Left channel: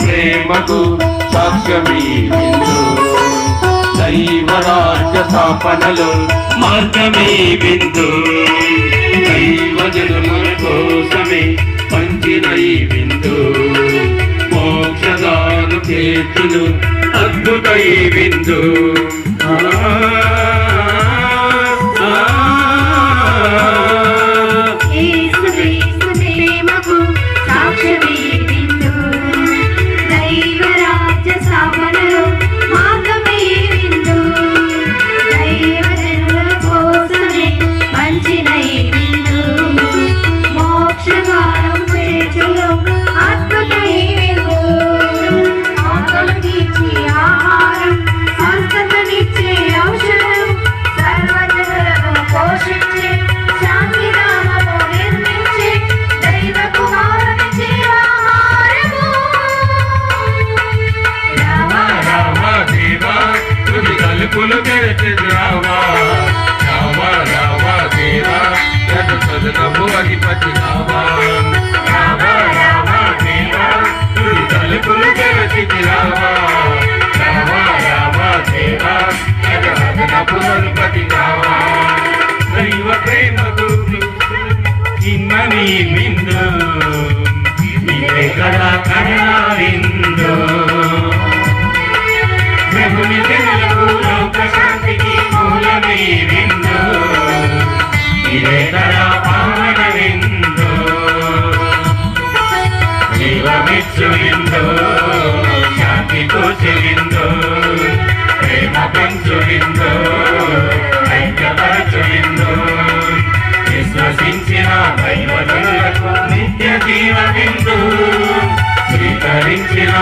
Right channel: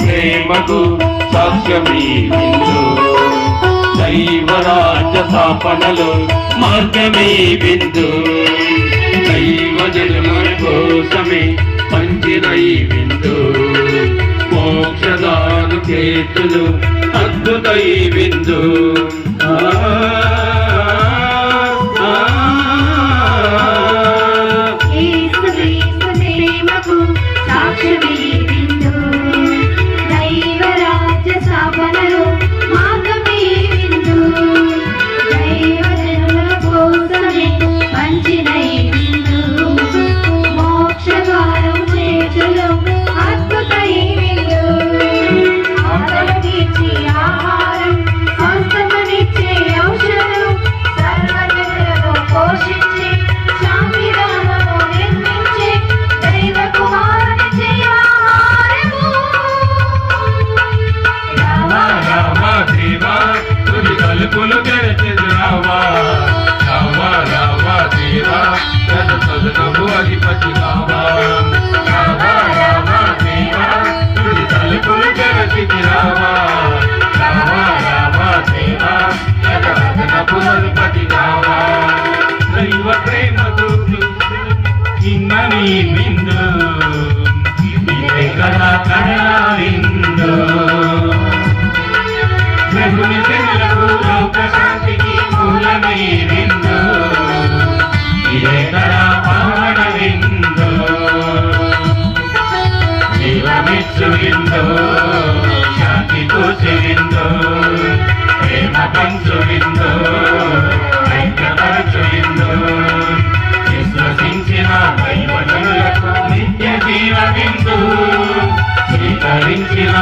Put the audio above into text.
ప్రేమకు సాక్ష్యమీ విందు, దైవరాజ్య స్థాపనలో మార్గమే విందు, దైవజనుల కోసమే పంచిన ఈ విందు, మోక్షదాను చేతులు అద్భుత ఈ విందు. దైవ ప్రేమకు చిన్నని విందు, ఇదే కదా కడలా విందు, ప్రభుని జనులకు లోక శాంతికి మూలమై విందు, ఇదే కదా పావన విందు, దైవమిచ్చు విందు, శాంతితో చెవిందు, ప్రేమ పెంచు విందు, ఐక్యపరచు విందు, విశ్వసించిన దైవజనులకు నిత్య జీవ విందు, స్వీకరించిన